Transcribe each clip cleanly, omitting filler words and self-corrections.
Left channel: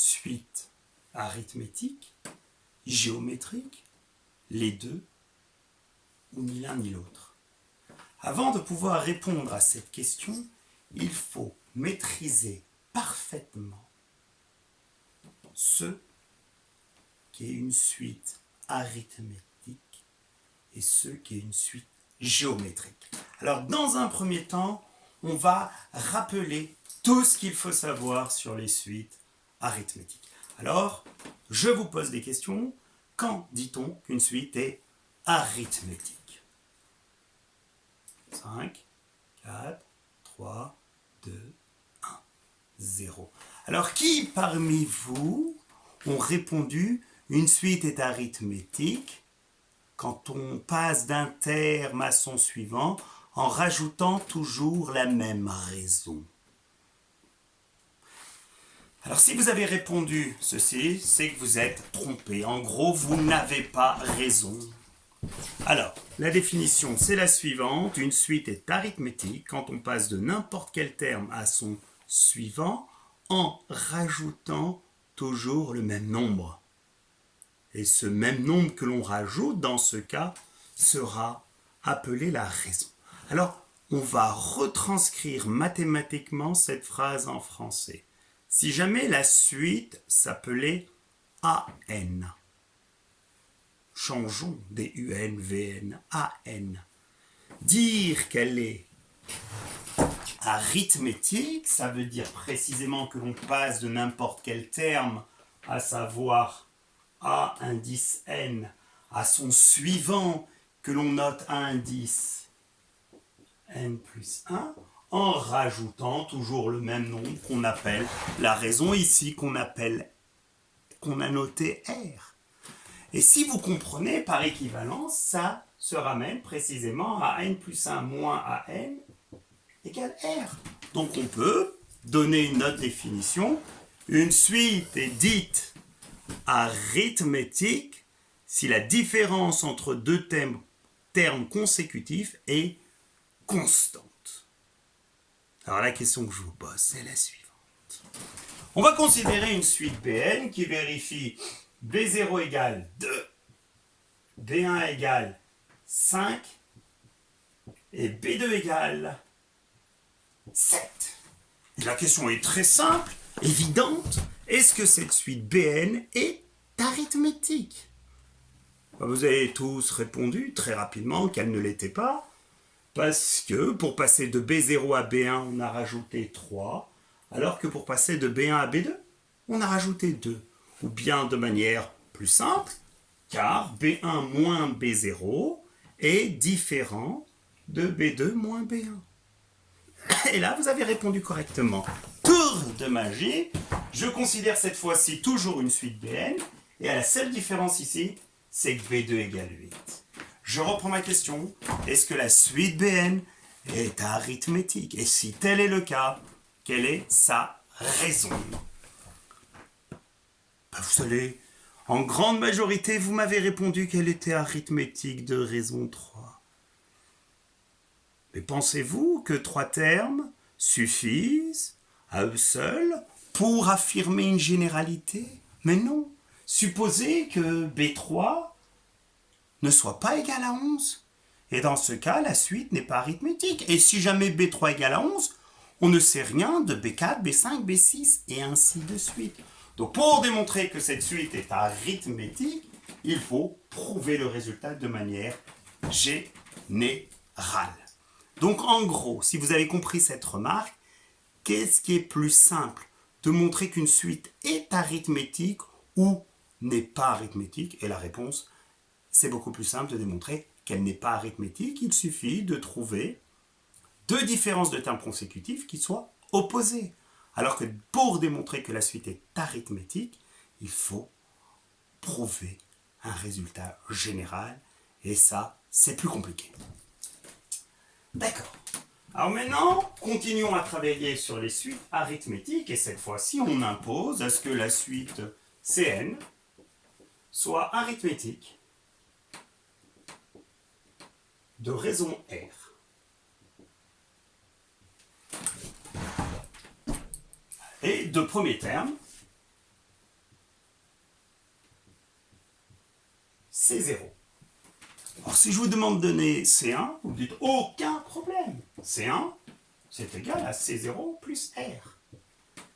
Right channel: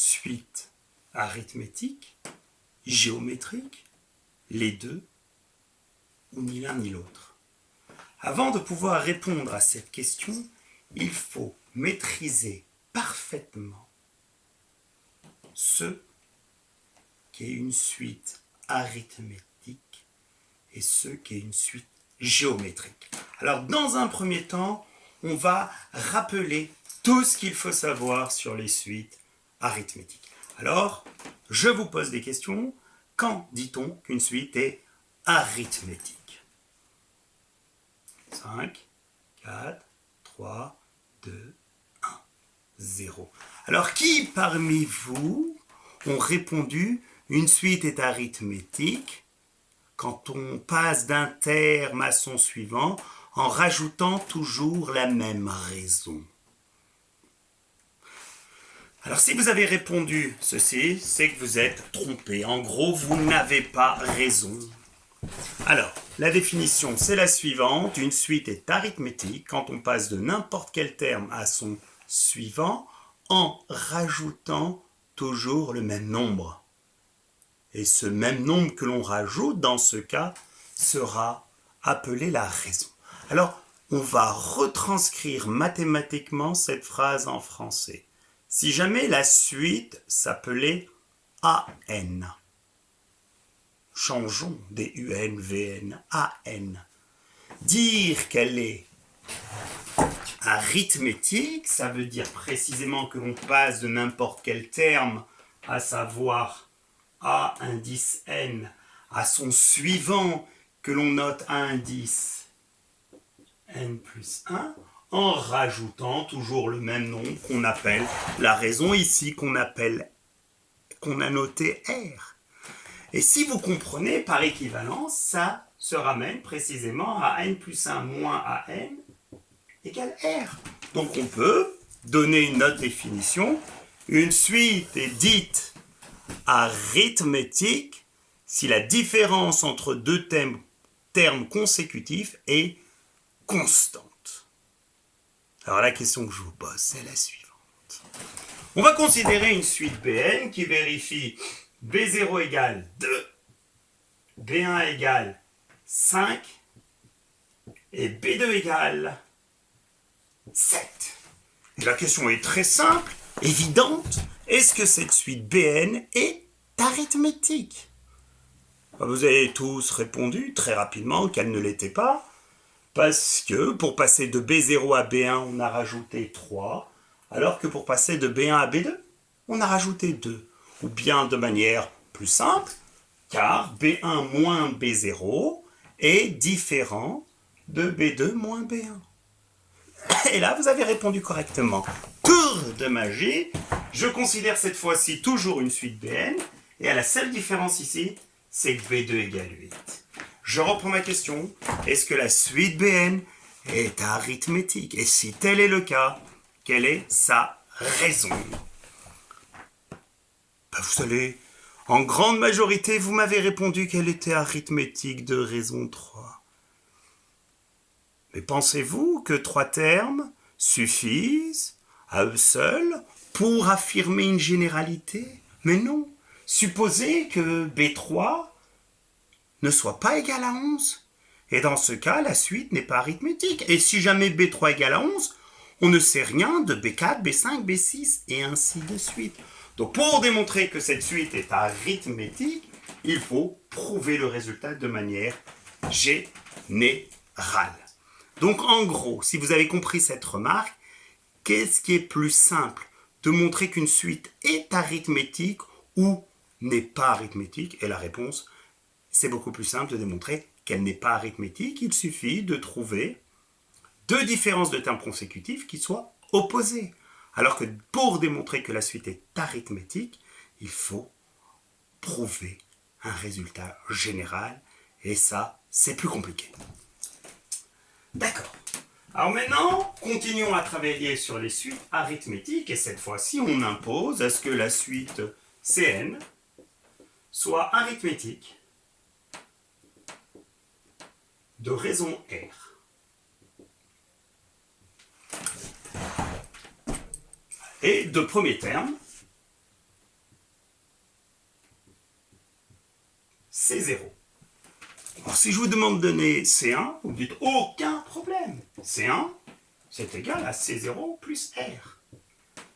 suite arithmétique, géométrique, les deux, ou ni l'un ni l'autre? Avant de pouvoir répondre à cette question, il faut maîtriser parfaitement ce qu'est une suite arithmétique et ce qu'est une suite géométrique. Alors, dans un premier temps, on va rappeler tout ce qu'il faut savoir sur les suites arithmétiques. Alors, je vous pose des questions. Quand dit-on qu'une suite est arithmétique? 5, 4, 3, 2, 1, 0. Alors, qui parmi vous ont répondu une suite est arithmétique quand on passe d'un terme à son suivant en rajoutant toujours la même raison? Alors, si vous avez répondu ceci, c'est que vous êtes trompé. En gros, vous n'avez pas raison. Alors, la définition, c'est la suivante. Une suite est arithmétique quand on passe de n'importe quel terme à son suivant en rajoutant toujours le même nombre. Et ce même nombre que l'on rajoute, dans ce cas, sera appelé la raison. Alors, on va retranscrire mathématiquement cette phrase en français. Si jamais la suite s'appelait AN, changeons des UN, VN, AN. Dire qu'elle est arithmétique, ça veut dire précisément que l'on passe de n'importe quel terme, à savoir A indice N, à son suivant que l'on note A indice N plus 1, en rajoutant toujours le même nombre qu'on appelle la raison ici, qu'on a noté R. Et si vous comprenez, par équivalence, ça se ramène précisément à n plus 1 moins an égale R. Donc on peut donner une autre définition. Une suite est dite arithmétique si la différence entre deux termes consécutifs est constante. Alors la question que je vous pose, c'est la suivante. On va considérer une suite Bn qui vérifie B0 égale 2, B1 égale 5 et B2 égale 7. Et la question est très simple, évidente. Est-ce que cette suite Bn est arithmétique? Vous avez tous répondu très rapidement qu'elle ne l'était pas, parce que pour passer de B0 à B1, on a rajouté 3, alors que pour passer de B1 à B2, on a rajouté 2. Ou bien de manière plus simple, car B1 moins B0 est différent de B2 moins B1. Et là, vous avez répondu correctement. Tour de magie, je considère cette fois-ci toujours une suite Bn, et à la seule différence ici, c'est que B2 égale 8. Je reprends ma question. Est-ce que la suite Bn est arithmétique? Et si tel est le cas, quelle est sa raison? Vous savez, en grande majorité, vous m'avez répondu qu'elle était arithmétique de raison 3. Mais pensez-vous que 3 termes suffisent à eux seuls pour affirmer une généralité? Mais non. Supposez que B3 ne soit pas égal à 11. Et dans ce cas, la suite n'est pas arithmétique. Et si jamais B3 égale à 11, on ne sait rien de B4, B5, B6, et ainsi de suite. Donc pour démontrer que cette suite est arithmétique, il faut prouver le résultat de manière générale. Donc en gros, si vous avez compris cette remarque, qu'est-ce qui est plus simple? De montrer qu'une suite est arithmétique ou n'est pas arithmétique? Et la réponse, c'est beaucoup plus simple de démontrer qu'elle n'est pas arithmétique. Il suffit de trouver deux différences de termes consécutifs qui soient opposées. Alors que pour démontrer que la suite est arithmétique, il faut prouver un résultat général. Et ça, c'est plus compliqué. D'accord. Alors maintenant, continuons à travailler sur les suites arithmétiques. Et cette fois-ci, on impose à ce que la suite Cn soit arithmétique de raison R. Et de premier terme, C0. Alors, si je vous demande de donner C1, vous me dites aucun problème. C1, c'est égal à C0 plus R.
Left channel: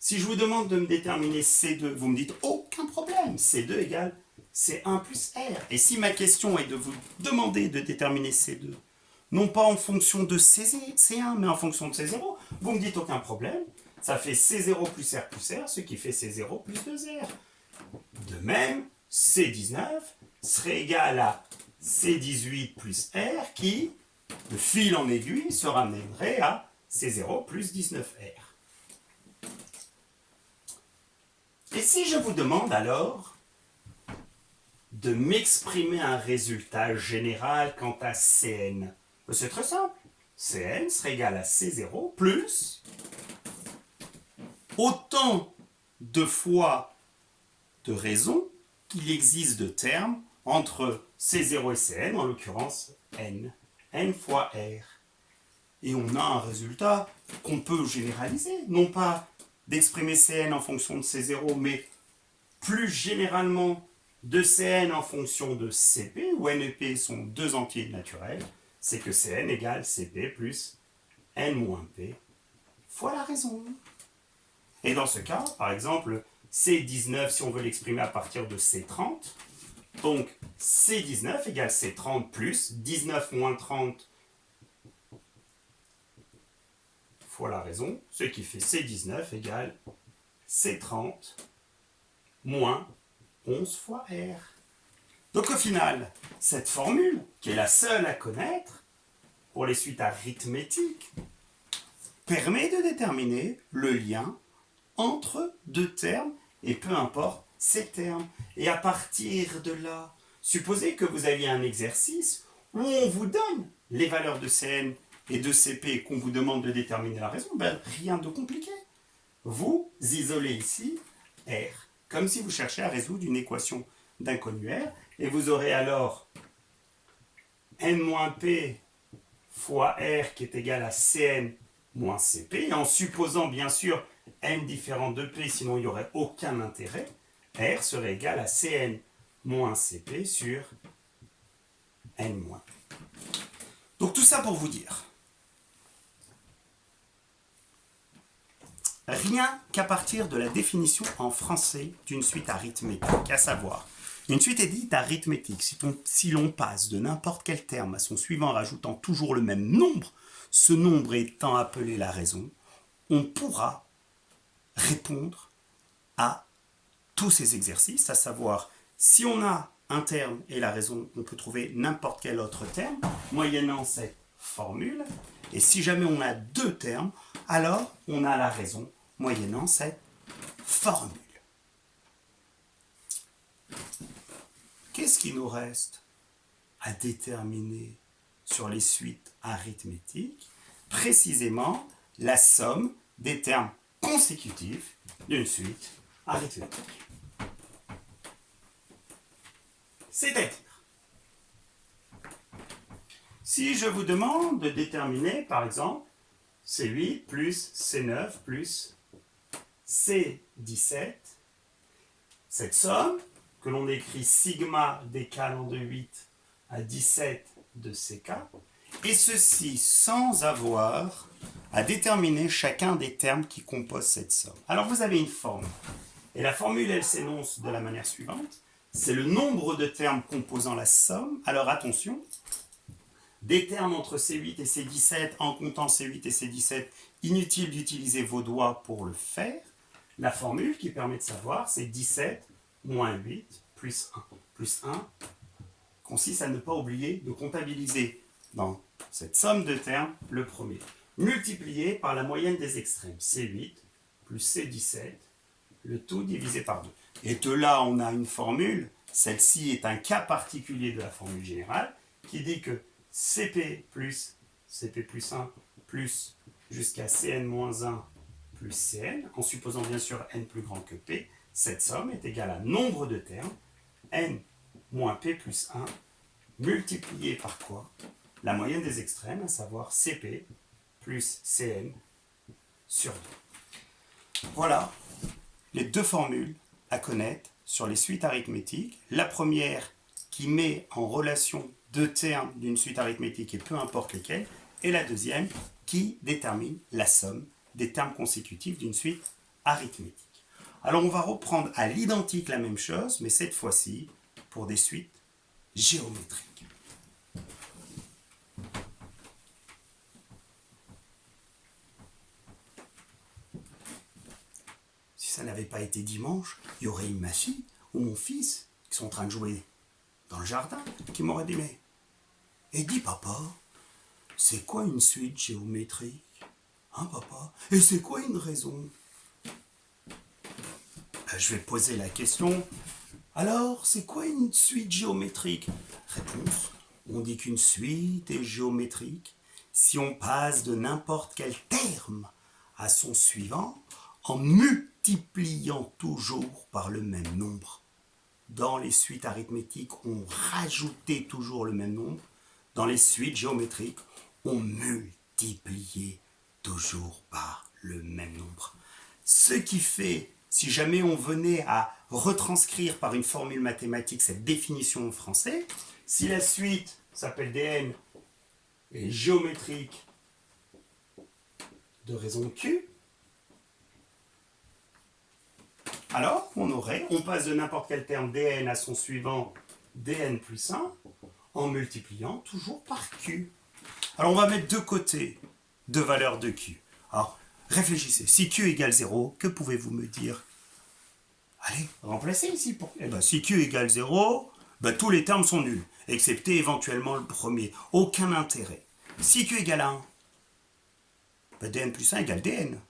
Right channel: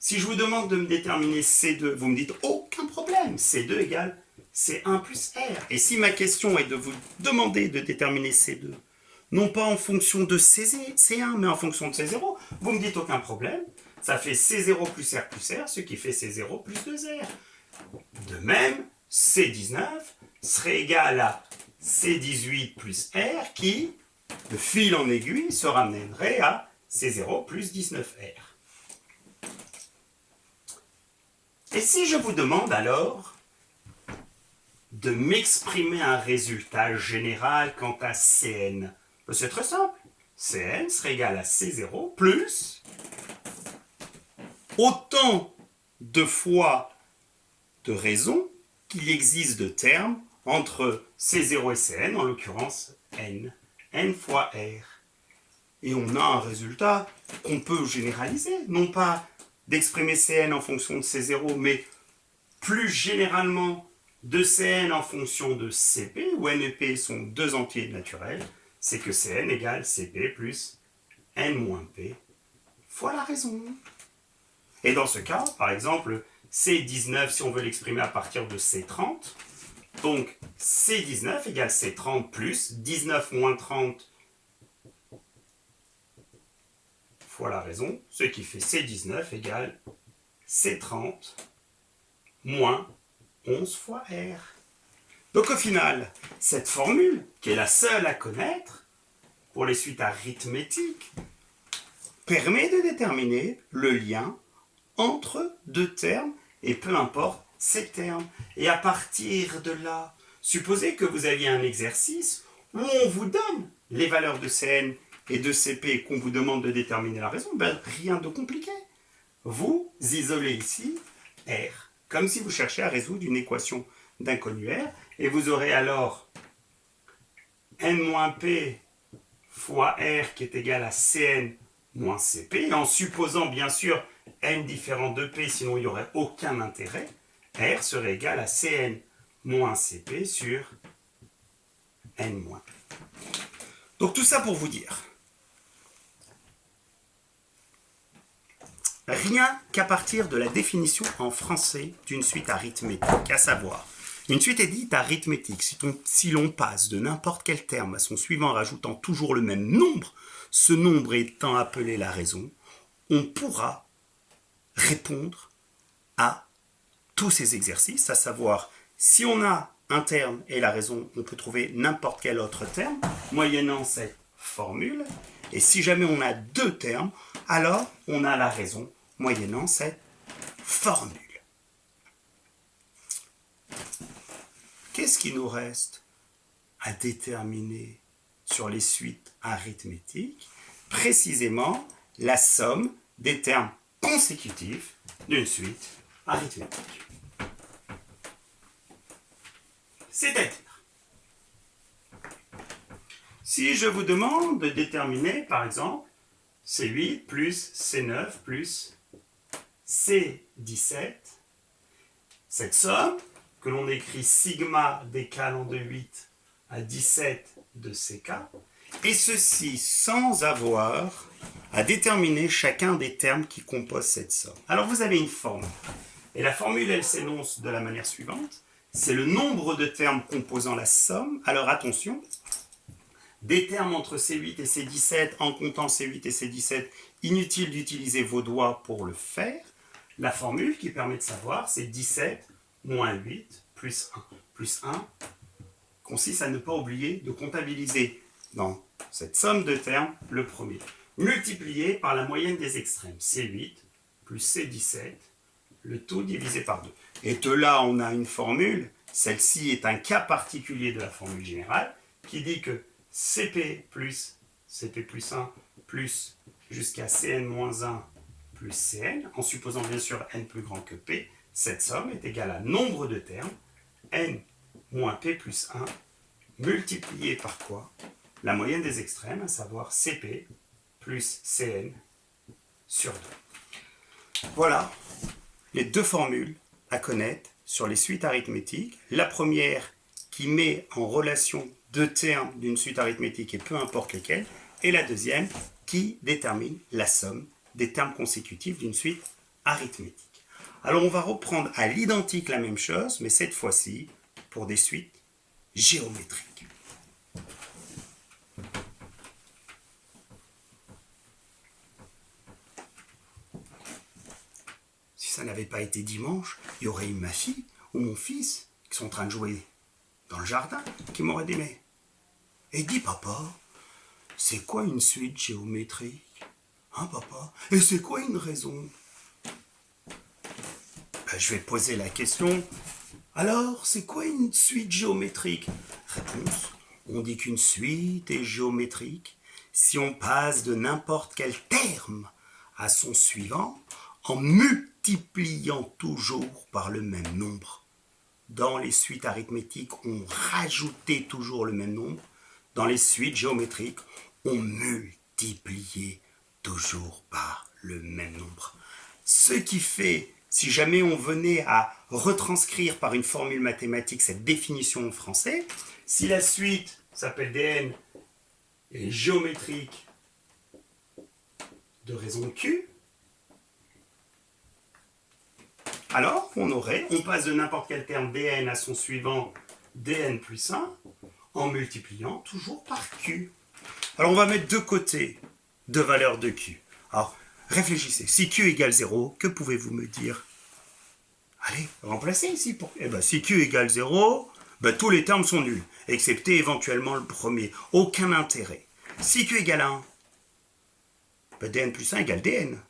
Si je vous demande de me déterminer C2, vous me dites aucun problème. C2 égale C1 plus R. Et si ma question est de vous demander de déterminer C2, non pas en fonction de C1, mais en fonction de C0, vous me dites aucun problème. Ça fait C0 plus R, ce qui fait C0 plus 2R. De même, C19 serait égal à C18 plus R qui, de fil en aiguille, se ramènerait à C0 plus 19R. Et si je vous demande alors de m'exprimer un résultat général quant à Cn, c'est très simple. Cn serait égal à C0 plus autant de fois de raisons qu'il existe de termes entre C0 et Cn, en l'occurrence n, n fois R. Et on a un résultat qu'on peut généraliser, non pas d'exprimer Cn en fonction de C0, mais plus généralement de Cn en fonction de Cp, où n et p sont deux entiers naturels, c'est que Cn égale Cp plus n moins p fois la raison. Et dans ce cas, par exemple, C19, si on veut l'exprimer à partir de C30, donc C19 égale C30 plus 19 moins 30 fois la raison, ce qui fait C19 égale C30 moins 11 fois R. Donc au final, cette formule, qui est la seule à connaître pour les suites arithmétiques, permet de déterminer le lien entre deux termes, et peu importe ces termes. Et à partir de là, supposez que vous aviez un exercice où on vous donne les valeurs de Cn et de Cp et qu'on vous demande de déterminer la raison, ben rien de compliqué. Vous isolez ici R, comme si vous cherchiez à résoudre une équation d'inconnu R, et vous aurez alors n-p fois R qui est égal à Cn moins Cp, et en supposant bien sûr n différent de p, sinon il n'y aurait aucun intérêt, R serait égal à Cn moins Cp sur n moins. Donc tout ça pour vous dire, rien qu'à partir de la définition en français d'une suite arithmétique, à savoir, une suite est dite arithmétique si l'on passe de n'importe quel terme à son suivant en rajoutant toujours le même nombre, ce nombre étant appelé la raison, on pourra répondre à tous ces exercices, à savoir, si on a un terme et la raison, on peut trouver n'importe quel autre terme, moyennant cette formule, et si jamais on a deux termes, alors on a la raison, moyennant cette formule. Qu'est-ce qui nous reste à déterminer sur les suites arithmétiques? Précisément, la somme des termes consécutifs d'une suite arithmétique. C'est-à-dire, si je vous demande de déterminer, par exemple, C8 plus C9 plus C17, cette somme, que l'on écrit sigma décalant de 8 à 17 de CK, et ceci sans avoir à déterminer chacun des termes qui composent cette somme. Alors vous avez une formule, et la formule elle s'énonce de la manière suivante, c'est le nombre de termes composant la somme. Alors attention, des termes entre C8 et C17, en comptant C8 et C17, inutile d'utiliser vos doigts pour le faire. La formule qui permet de savoir, c'est 17 moins 8 plus 1. Plus 1 consiste à ne pas oublier de comptabiliser dans cette somme de termes le premier, multiplié par la moyenne des extrêmes, C8 plus C17, le tout divisé par 2. Et de là, on a une formule, celle-ci est un cas particulier de la formule générale, qui dit que CP plus 1 plus jusqu'à Cn-1 plus Cn, en supposant bien sûr n plus grand que p, cette somme est égale à nombre de termes, n moins p plus 1, multiplié par quoi? La moyenne des extrêmes, à savoir Cp plus Cn sur 2. Voilà les deux formules à connaître sur les suites arithmétiques. La première qui met en relation deux termes d'une suite arithmétique et peu importe lesquels, et la deuxième qui détermine la somme des termes consécutifs d'une suite arithmétique. Alors on va reprendre à l'identique la même chose, mais cette fois-ci pour des suites géométriques. Si ça n'avait pas été dimanche, il y aurait eu ma fille ou mon fils qui sont en train de jouer dans le jardin qui m'aurait dit mais et dis papa, c'est quoi une suite géométrique? Hein papa? Et c'est quoi une raison? Je vais poser la question. Alors, c'est quoi une suite géométrique? Réponse. On dit qu'une suite est géométrique si on passe de n'importe quel terme à son suivant en multipliant toujours par le même nombre. Dans les suites arithmétiques, on rajoutait toujours le même nombre. Dans les suites géométriques, on multipliait toujours par le même nombre. Ce qui fait, si jamais on venait à retranscrire par une formule mathématique cette définition en français, si la suite s'appelle Dn et géométrique de raison Q, alors on passe de n'importe quel terme Dn à son suivant Dn plus 1 en multipliant toujours par Q. Alors on va mettre de côté deux valeurs de Q. Alors réfléchissez, si Q égale 0, que pouvez-vous me dire? Allez, remplacez ici. Si Q égale 0, tous les termes sont nuls, excepté éventuellement le premier. Aucun intérêt. Si Q égale 1, Dn plus 1 égale Dn.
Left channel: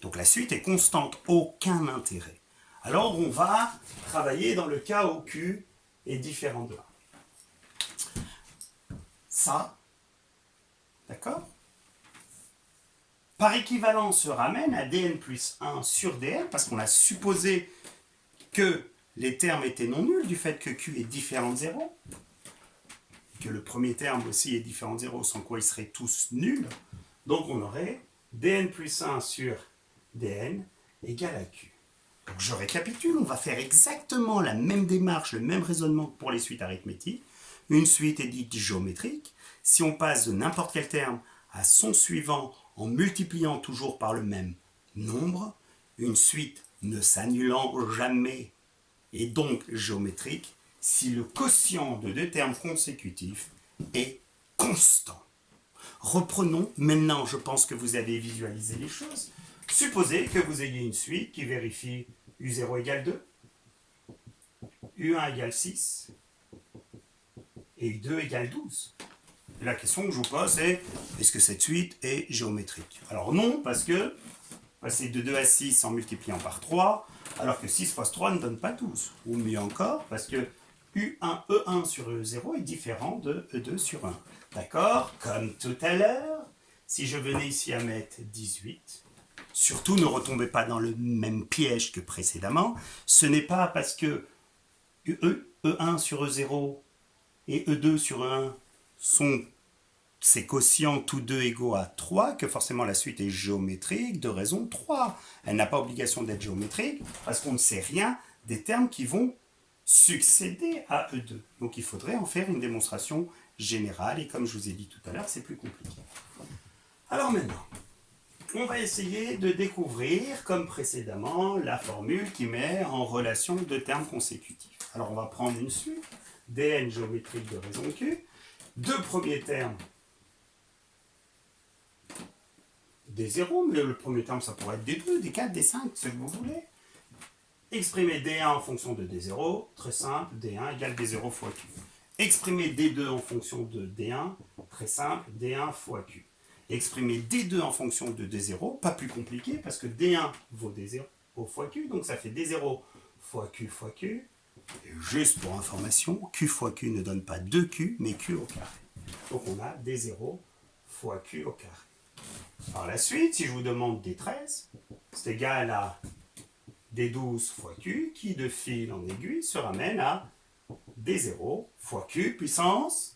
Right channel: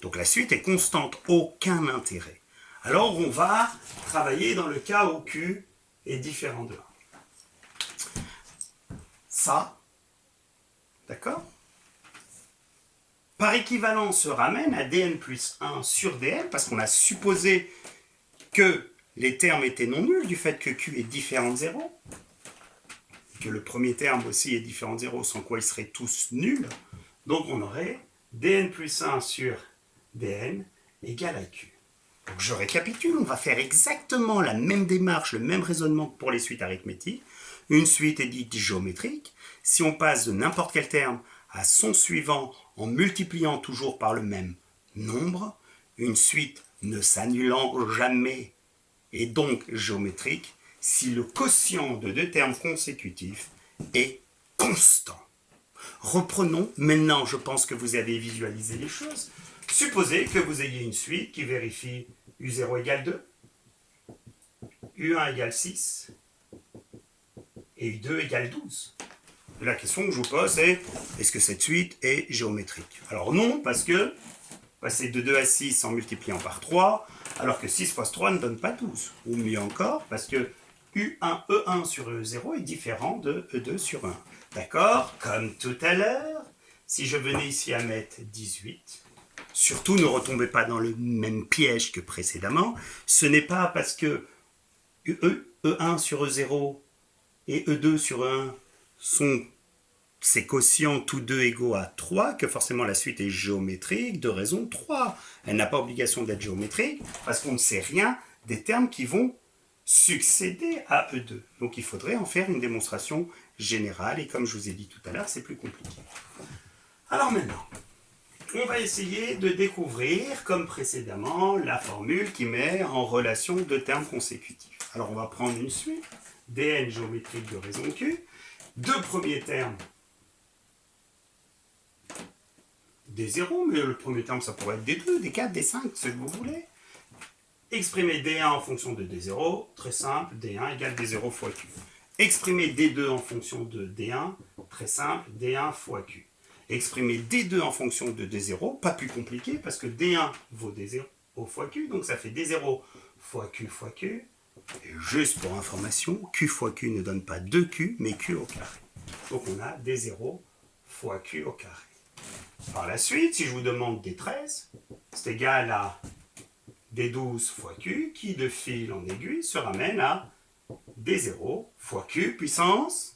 Donc la suite est constante, aucun intérêt. Alors on va travailler dans le cas où Q est différent de 1. Ça, d'accord? Par équivalence, se ramène à Dn plus 1 sur Dn, parce qu'on a supposé que les termes étaient non nuls du fait que Q est différent de 0, que le premier terme aussi est différent de 0, sans quoi ils seraient tous nuls. Donc on aurait Dn plus 1 sur Dn égale à Q. Donc je récapitule, on va faire exactement la même démarche, le même raisonnement que pour les suites arithmétiques. Une suite est dite géométrique si on passe de n'importe quel terme à son suivant en multipliant toujours par le même nombre. Une suite ne s'annulant jamais est donc géométrique si le quotient de deux termes consécutifs est constant. Reprenons, maintenant je pense que vous avez visualisé les choses. Supposez que vous ayez une suite qui vérifie U0 égale 2, U1 égale 6 et U2 égale 12. La question que je vous pose est, est-ce que cette suite est géométrique? Alors non, parce que passer de 2 à 6 en multipliant par 3, alors que 6 fois 3 ne donne pas 12. Ou mieux encore, parce que U1, E1 sur E0 est différent de E2 sur E1. D'accord? Comme tout à l'heure, si je venais ici à mettre 18, surtout ne retombez pas dans le même piège que précédemment, ce n'est pas parce que E1 sur E0 et E2 sur E1 sont ces quotients tous deux égaux à 3 que forcément la suite est géométrique de raison 3. Elle n'a pas obligation d'être géométrique parce qu'on ne sait rien des termes qui vont succéder à E2. Donc il faudrait en faire une démonstration générale et comme je vous ai dit tout à l'heure, c'est plus compliqué. Alors maintenant, on va essayer de découvrir, comme précédemment, la formule qui met en relation deux termes consécutifs. Alors on va prendre une suite, Dn géométrique de raison Q, deux premiers termes D0, mais le premier terme ça pourrait être D2, D4, D5, c'est ce que vous voulez. Exprimer D1 en fonction de D0, très simple, D1 égale D0 fois Q. Exprimer D2 en fonction de D1, très simple, D1 fois Q. Exprimer D2 en fonction de D0, pas plus compliqué, parce que D1 vaut D0 fois Q, donc ça fait D0 fois Q fois Q. Et juste pour information, Q fois Q ne donne pas 2Q, mais Q au carré. Donc on a D0 fois Q au carré. Par la suite, si je vous demande D13, c'est égal à D12 fois Q, qui de fil en aiguille se ramène à D0 fois Q puissance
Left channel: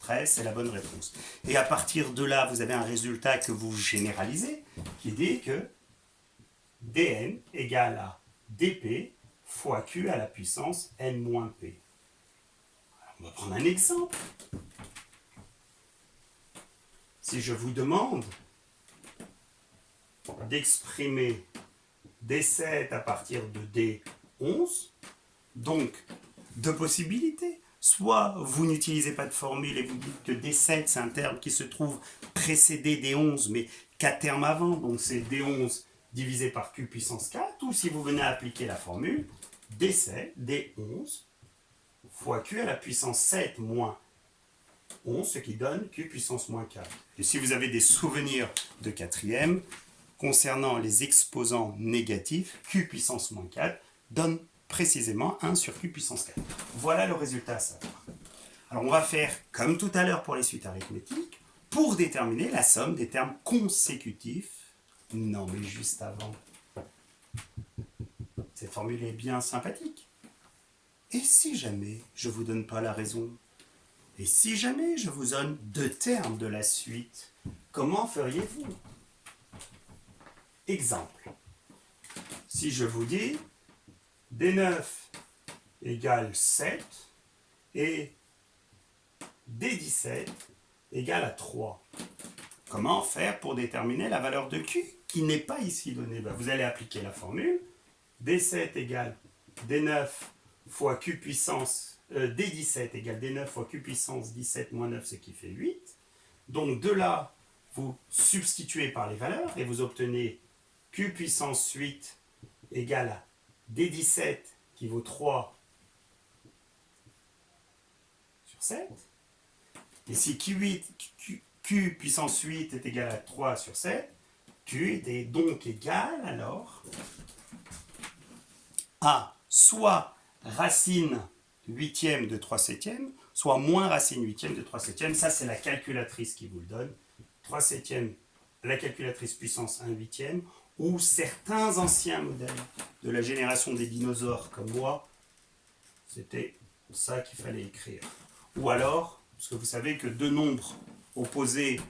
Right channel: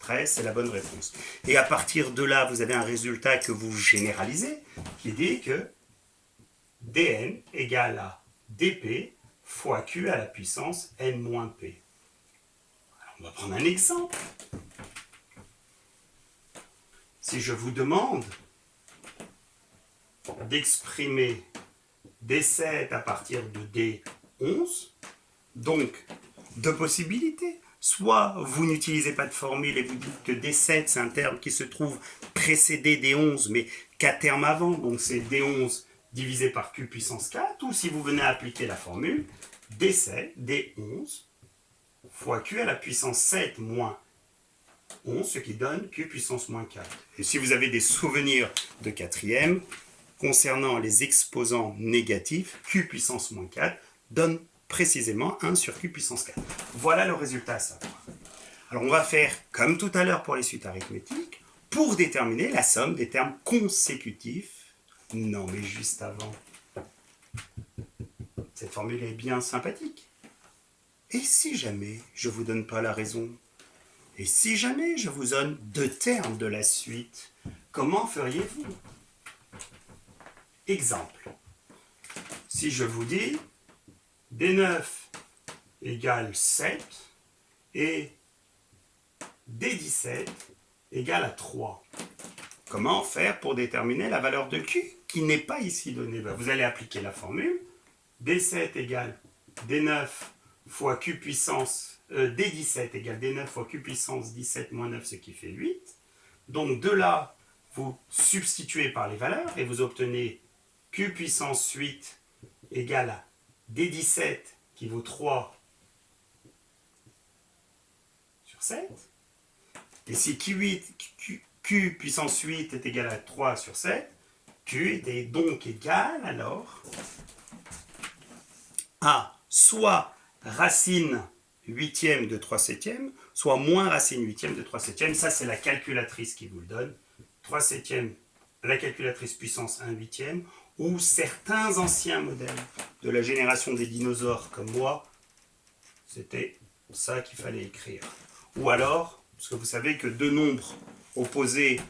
13, c'est la bonne réponse. Et à partir de là, vous avez un résultat que vous généralisez, qui dit que Dn égale à dp fois Q à la puissance n moins p. On va prendre un exemple. Si je vous demande d'exprimer D7 à partir de D11, donc deux possibilités. Soit vous n'utilisez pas de formule et vous dites que D7 c'est un terme qui se trouve précédé D11 mais 4 termes avant, donc c'est D11 divisé par Q puissance 4, ou si vous venez à appliquer la formule D7, D11 fois Q à la puissance 7 moins 11, ce qui donne Q puissance moins 4. Et si vous avez des souvenirs de quatrième, concernant les exposants négatifs, Q puissance moins 4 donne précisément 1 sur Q puissance 4. Voilà le résultat à savoir. Alors on va faire comme tout à l'heure pour les suites arithmétiques, pour déterminer la somme des termes consécutifs. Non mais juste avant, cette formule est bien sympathique. Et si jamais je ne vous donne pas la raison? Et si jamais je vous donne deux termes de la suite, comment feriez-vous? Exemple. Si je vous dis D9 égale 7 et D17 égale à 3. Comment faire pour déterminer la valeur de Q qui n'est pas ici donnée? Vous allez appliquer la formule D7 égale D9 fois Q puissance D17 égale D9 fois Q puissance 17 moins 9, ce qui fait 8. Donc de là, vous substituez par les valeurs et vous obtenez Q puissance 8 égale à D17 qui vaut 3 sur 7. Et si Q puissance 8 est égal à 3 sur 7, Q est donc égal alors à soit racine huitième de 3 septièmes, soit moins racine huitième de 3 septièmes. Ça, c'est la calculatrice qui vous le donne. 3 septièmes, la calculatrice puissance 1 huitième, ou certains anciens modèles de la génération des dinosaures comme moi, c'était ça qu'il fallait écrire. Ou alors, parce que vous savez que deux nombres opposés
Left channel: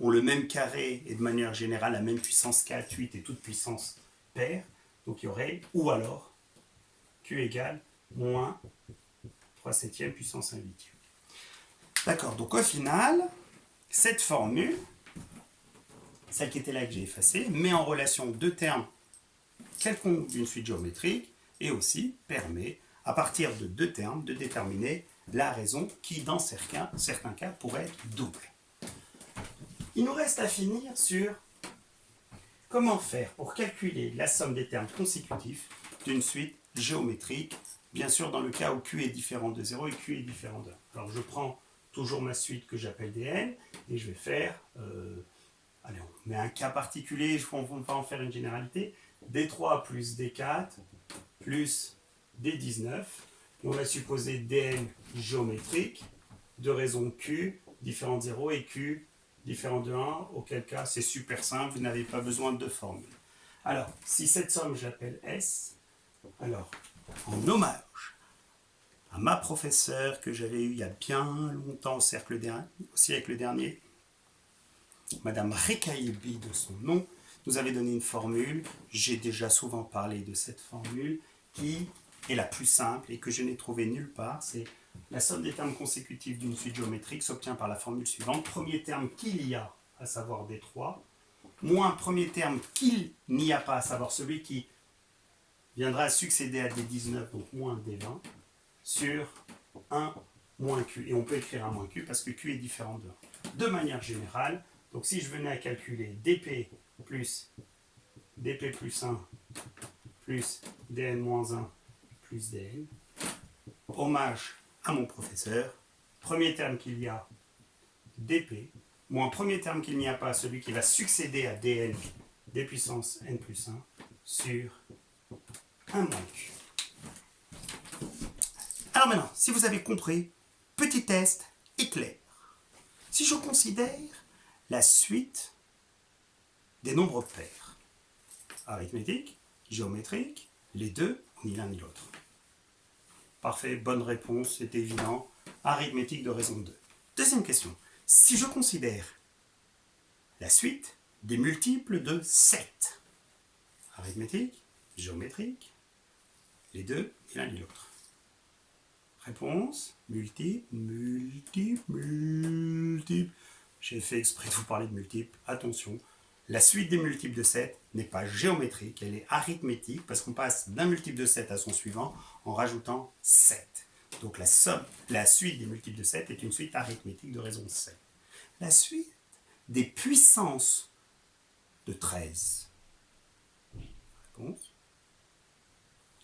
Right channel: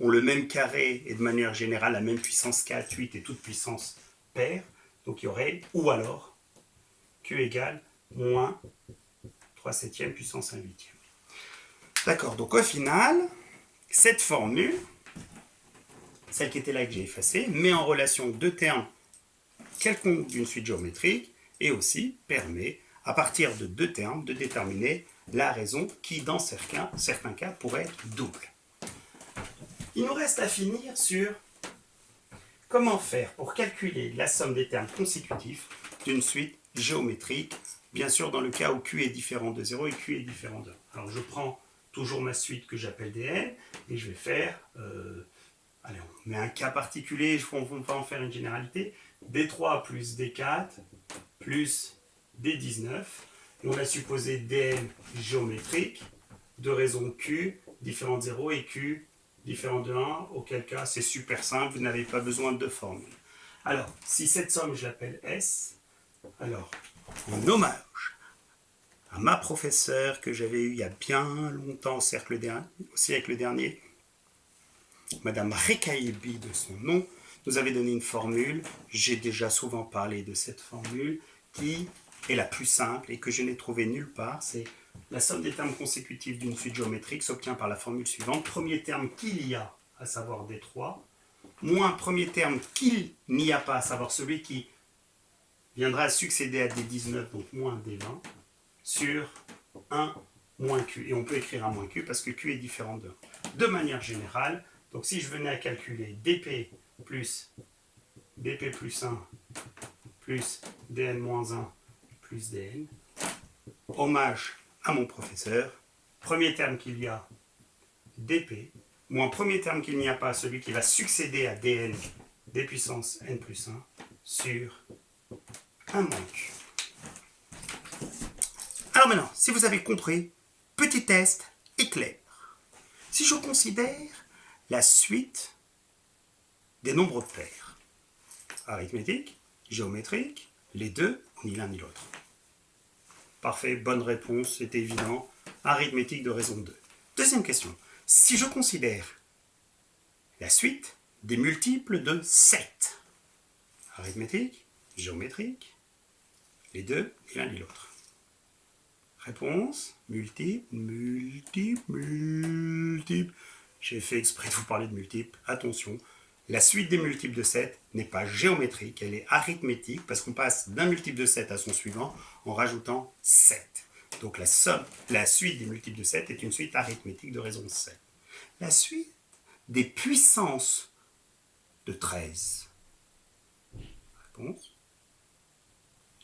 ont le même carré et de manière générale la même puissance 4, 8 et toute puissance paire, donc il y aurait, ou alors, Q égale moins 3 septièmes puissance 1 huitième. D'accord, donc au final, cette formule, celle qui était là que j'ai effacée, met en relation deux termes quelconques d'une suite géométrique et aussi permet, à partir de deux termes, de déterminer la raison qui, dans certains cas, pourrait être double. Il nous reste à finir sur comment faire pour calculer la somme des termes consécutifs d'une suite géométrique, bien sûr dans le cas où Q est différent de 0 et Q est différent de 1. Alors je prends toujours ma suite que j'appelle Dn et je vais faire, allez, on met un cas particulier, on va en faire une généralité, D3 plus D4 plus D19, et on va supposer Dn géométrique de raison Q différent de 0 et Q différent de 1, auquel cas c'est super simple, vous n'avez pas besoin de formule. Alors, si cette somme je l'appelle S, alors, en hommage à ma professeure que j'avais eue il y a bien longtemps au siècle dernier, Madame Rekaibi de son nom, nous avait donné une formule, j'ai déjà souvent parlé de cette formule, qui est la plus simple et que je n'ai trouvée nulle part, c'est la somme des termes consécutifs d'une suite géométrique s'obtient par la formule suivante, premier terme qu'il y a, à savoir D3, moins premier terme qu'il n'y a pas, à savoir celui qui viendra succéder à D19, donc moins D20, sur 1 moins Q. Et on peut écrire 1 moins Q parce que Q est différent de 1. De manière générale, donc si je venais à calculer dp plus 1 plus dn moins 1 plus dn, hommage à mon professeur, premier terme qu'il y a, dp, moins premier terme qu'il n'y a pas, celui qui va succéder à dn, d puissance n plus 1, sur 1 moins Q. Alors maintenant, si vous avez compris, petit test éclair. Si je considère la suite des nombres pairs, arithmétique, géométrique, les deux, ni l'un ni l'autre. Parfait, bonne réponse, c'est évident. Arithmétique de raison 2. Deuxième question. Si je considère la suite des multiples de 7, arithmétique, géométrique, les deux, ni l'un ni l'autre. Réponse, multiple, multiple, multiple. J'ai fait exprès de vous parler de multiples. Attention, la suite des multiples de 7 n'est pas géométrique, elle est arithmétique parce qu'on passe d'un multiple de 7 à son suivant en rajoutant 7. Donc la suite des multiples de 7 est une suite arithmétique de raison 7. La suite des puissances de 13. Réponse,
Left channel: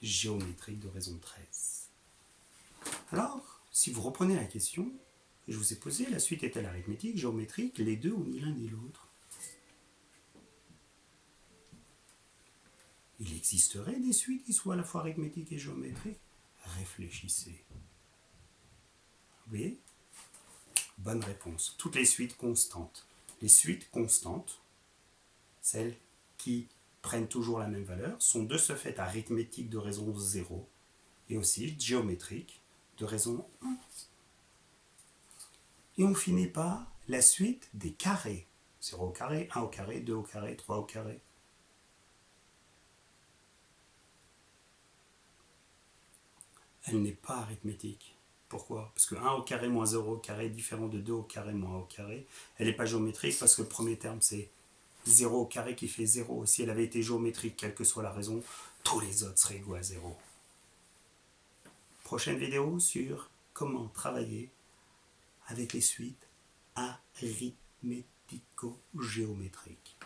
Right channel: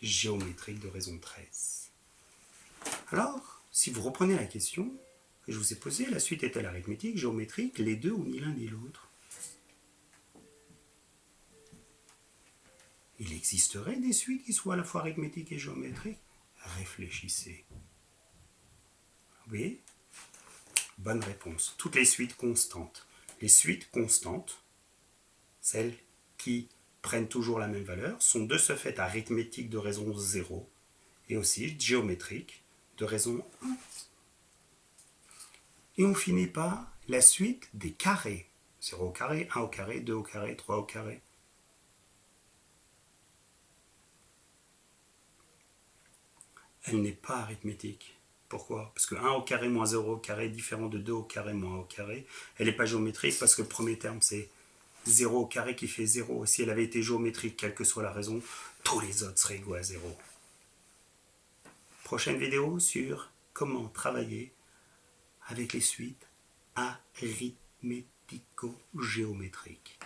géométrique de raison 13. Alors, si vous reprenez la question que je vous ai posée, la suite est-elle arithmétique, géométrique, les deux ou ni l'un ni l'autre? Il existerait des suites qui soient à la fois arithmétiques et géométriques? Réfléchissez. Vous voyez? Bonne réponse. Toutes les suites constantes. Les suites constantes, celles qui prennent toujours la même valeur, sont de ce fait arithmétiques de raison 0 et aussi géométriques de raison 1. Et on finit par la suite des carrés. 0 au carré, 1 au carré, 2 au carré, 3 au carré. Elle n'est pas arithmétique. Pourquoi? Parce que 1 au carré moins 0 au carré est différent de 2 au carré moins 1 au carré. Elle n'est pas géométrique parce que le premier terme c'est 0 au carré qui fait 0. Si elle avait été géométrique, quelle que soit la raison, tous les autres seraient égaux à 0. Prochaine vidéo sur comment travailler avec les suites arithmético-géométriques.